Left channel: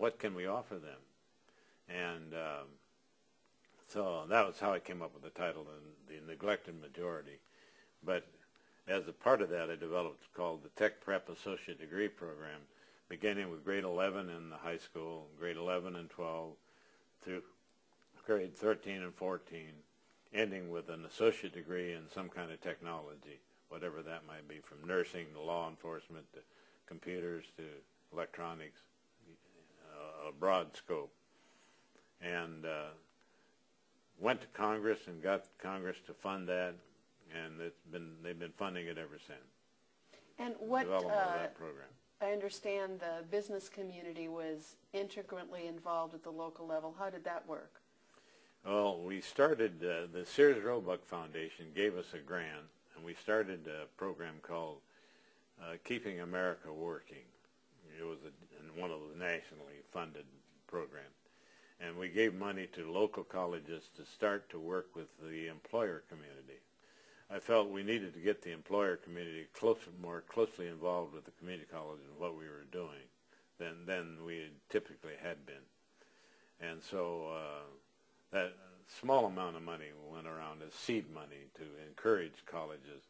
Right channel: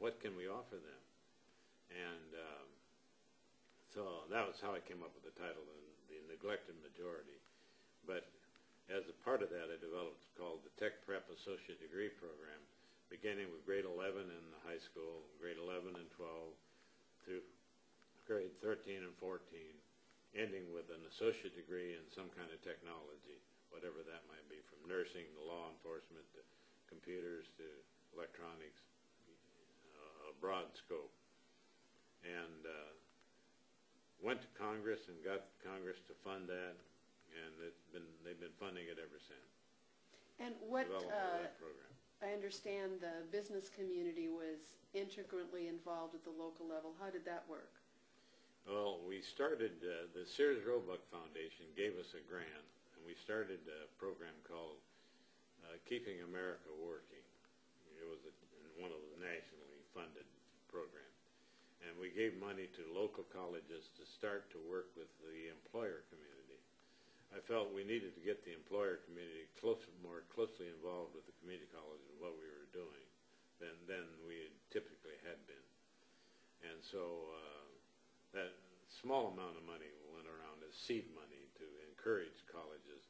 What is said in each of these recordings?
what can we offer them? And so that was how I came up with the title, The Neglected Majority. But as a part of that, I developed what's called the Tech Prep Associate Degree Program, beginning with grade 11 in the high school, grade 11 and 12, through grade 13 and 14, ending with an associate degree in some kind of technology, whatever that might be, from nursing to law enforcement to computers to electronics, a broad scope. And went to Congress and got Congress to fund that, and they've been funding it ever since. And what development of that program. I understand the business community was integrally involved at the local level. How did that work? Well, we started, the Sears Roebuck Foundation gave us a grant, and we started a program called Keeping America Working. It was one of the nationally funded programs. And we gave money to local colleges to start to work with the employer community. I felt we needed to get the employer community more closely involved with the community college and what we were doing than we typically had been. And so that small amount of money went around as seed money to encourage colleges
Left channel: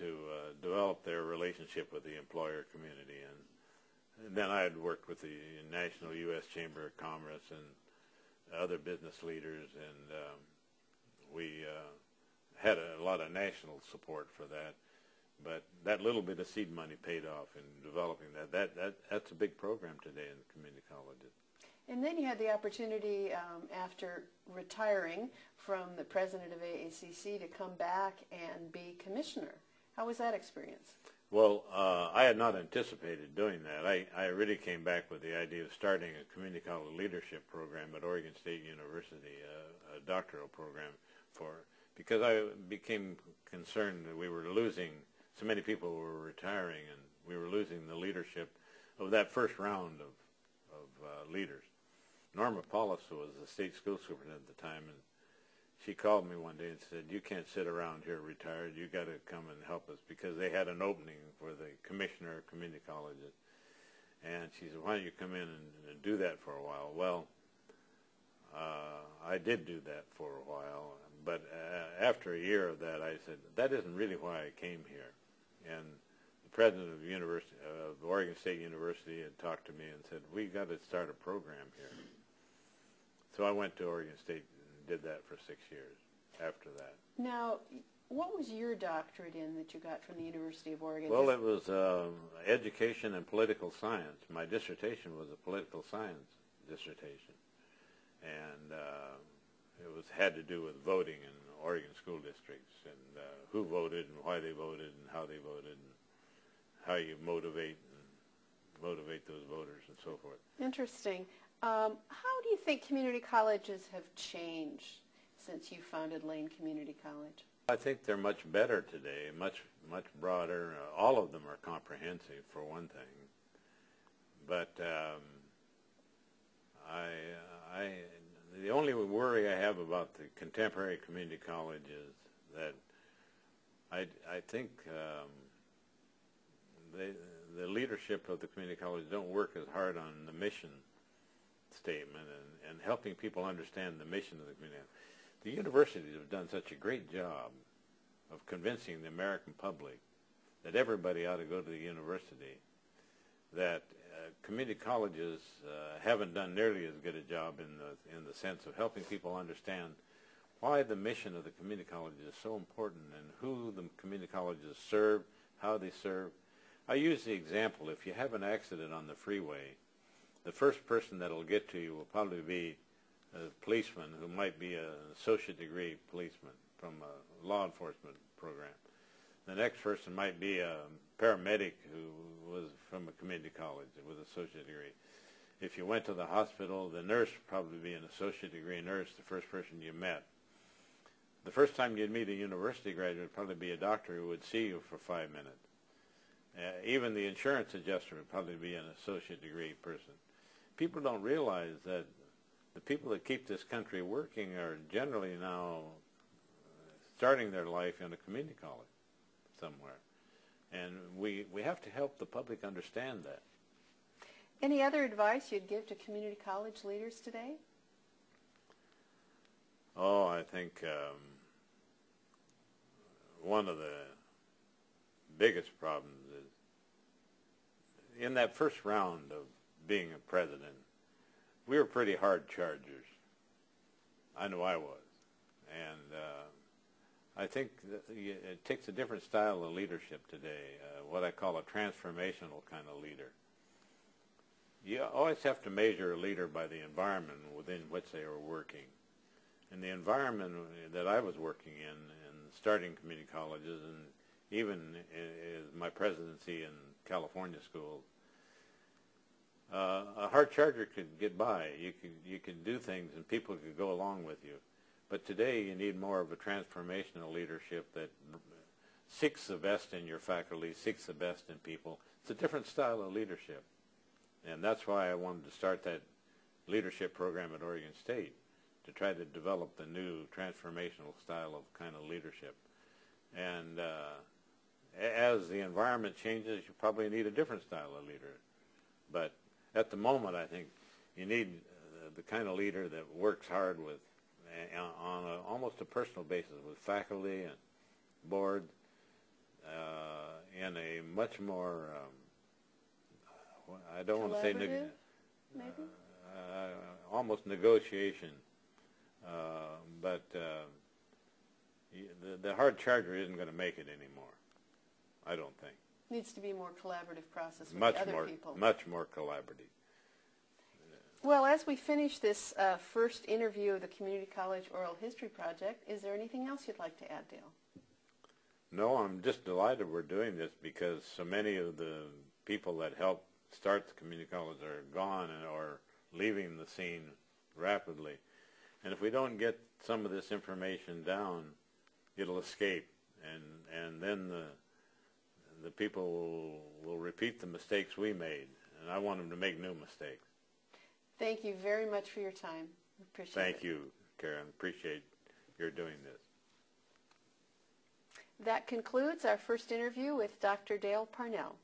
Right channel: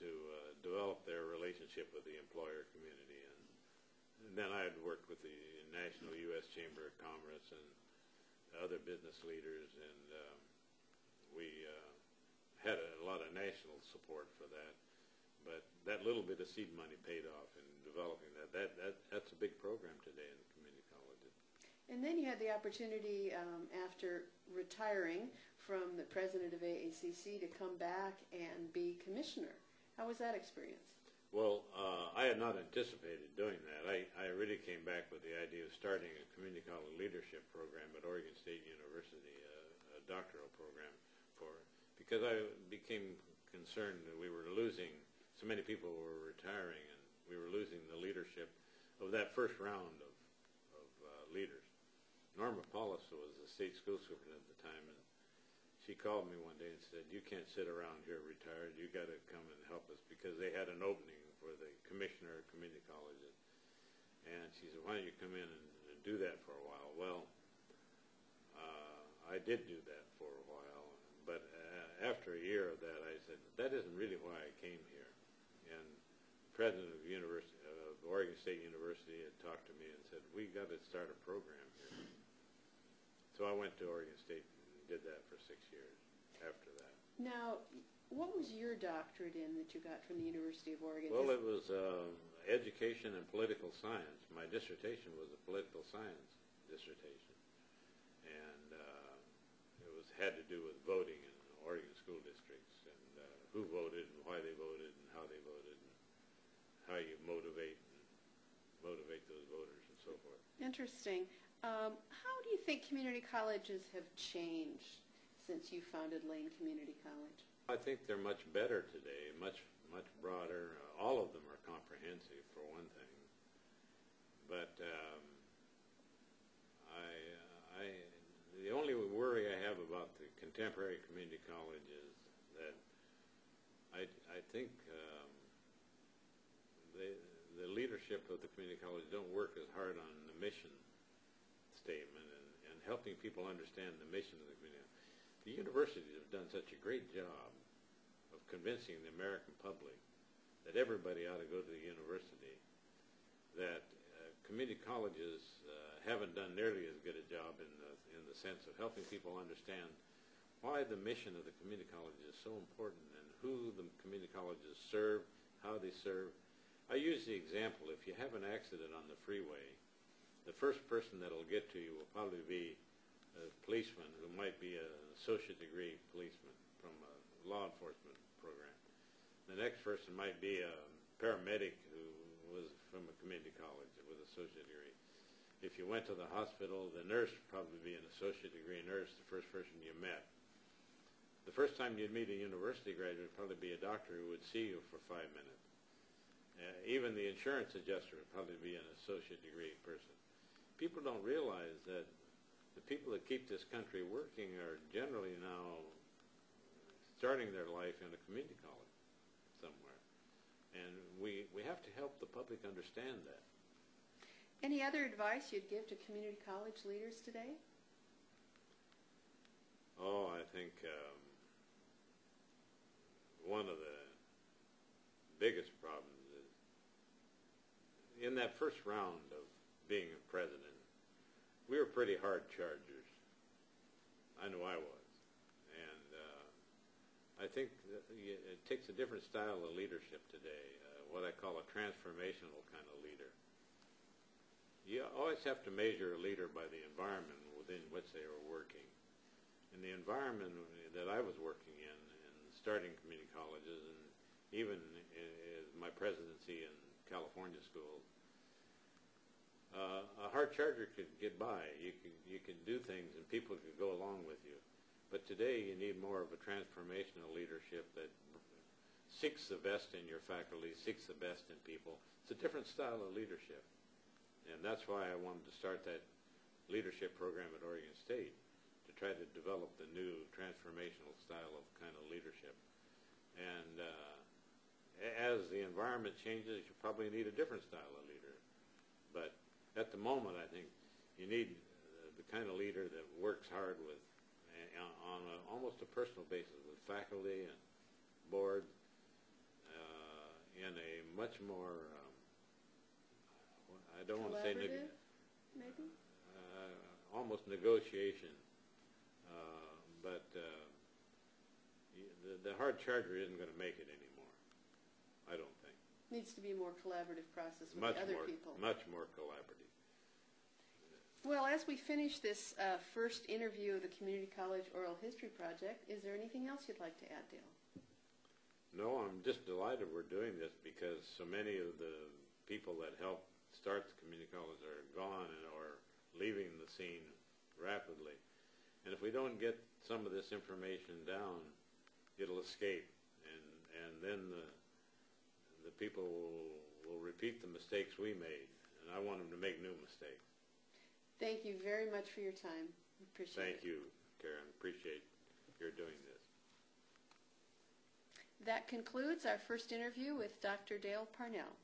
to develop their relationship with the employer community. And then I had worked with the National U.S. Chamber of Commerce and other business leaders, and we had a lot of national support for that. But that little bit of seed money paid off in developing that. That's a big program today in community colleges. And then you had the opportunity, after retiring from the president of AACC, to come back and be commissioner. How was that experience? Well, I had not anticipated doing that. I really came back with the idea of starting a community college leadership program at Oregon State University, a doctoral program because I became concerned that we were losing, so many people were retiring, and we were losing the leadership of that first round of leaders. Norma Paulus was the state school superintendent at the time, and she called me one day and said, "You can't sit around here retired. You got to come and help us," because they had an opening for the commissioner of community colleges. And she said, "Why don't you come in and do that for a while?" Well, I did do that for a while, but after a year of that, I said, that isn't really why I came here. And the president of Oregon State University had talked to me and said, "We got to start a program here." So I went to Oregon State and did that for 6 years after that. Now, what was your doctorate in that you got from the University of Oregon? Well, it was education and political science. My dissertation was a political science dissertation, and it had to do with voting in Oregon school districts, and who voted and why they voted and how they voted and how you motivate those voters and so forth. Interesting. How do you think community colleges have changed since you founded Lane Community College? I think they're much better today, much broader. All of them are comprehensive, for one thing. But the only worry I have about the contemporary community college is that I think the leadership of the community college don't work as hard on the mission statement and helping people understand the mission of the community. The universities have done such a great job of convincing the American public that everybody ought to go to the university that community colleges haven't done nearly as good a job in the sense of helping people understand why the mission of the community college is so important and who the community colleges serve, how they serve. I use the example, if you have an accident on the freeway, the first person that will get to you will probably be a policeman who might be an associate degree policeman from a law enforcement program. The next person might be a paramedic who was from a community college with an associate degree. If you went to the hospital, the nurse would probably be an associate degree nurse, the first person you met. The first time you'd meet a university graduate would probably be a doctor who would see you for 5 minutes. Even the insurance adjuster would probably be an associate degree person. People don't realize that the people that keep this country working are generally now starting their life in a community college somewhere. And we have to help the public understand that. Any other advice you'd give to community college leaders today? Oh, I think one of the biggest problems is in that first round of being a president, we were pretty hard chargers. I know I was. And I think that it takes a different style of leadership today, what I call a transformational kind of leader. You always have to measure a leader by the environment within which they are working. And the environment that I was working in starting community colleges, and even in my presidency in California schools, a hard charger could get by. You could do things and people could go along with you. But today you need more of a transformational leadership that seeks the best in your faculty, seeks the best in people. It's a different style of leadership. And that's why I wanted to start that leadership program at Oregon State, to try to develop the new transformational style of kind of leadership. And as the environment changes, you probably need a different style of leader. But at the moment, I think you need the kind of leader that works hard with, on almost a personal basis, with faculty and board, in a much more, I don't want to say, maybe? almost negotiation. But the hard charger isn't going to make it anymore, I don't think. Needs to be a more collaborative process with other people. Much more collaborative. Well, as we finish this first interview of the Community College Oral History Project, is there anything else you'd like to add, Dale? No, I'm just delighted we're doing this because so many of the people that helped start the community college are gone or leaving the scene rapidly. And if we don't get some of this information down, it'll escape, and then the people will repeat the mistakes we made, and I want them to make new mistakes. Thank you very much for your time. Appreciate it. Thank you, Karen. Appreciate your doing this. That concludes our first interview with Dr. Dale Parnell.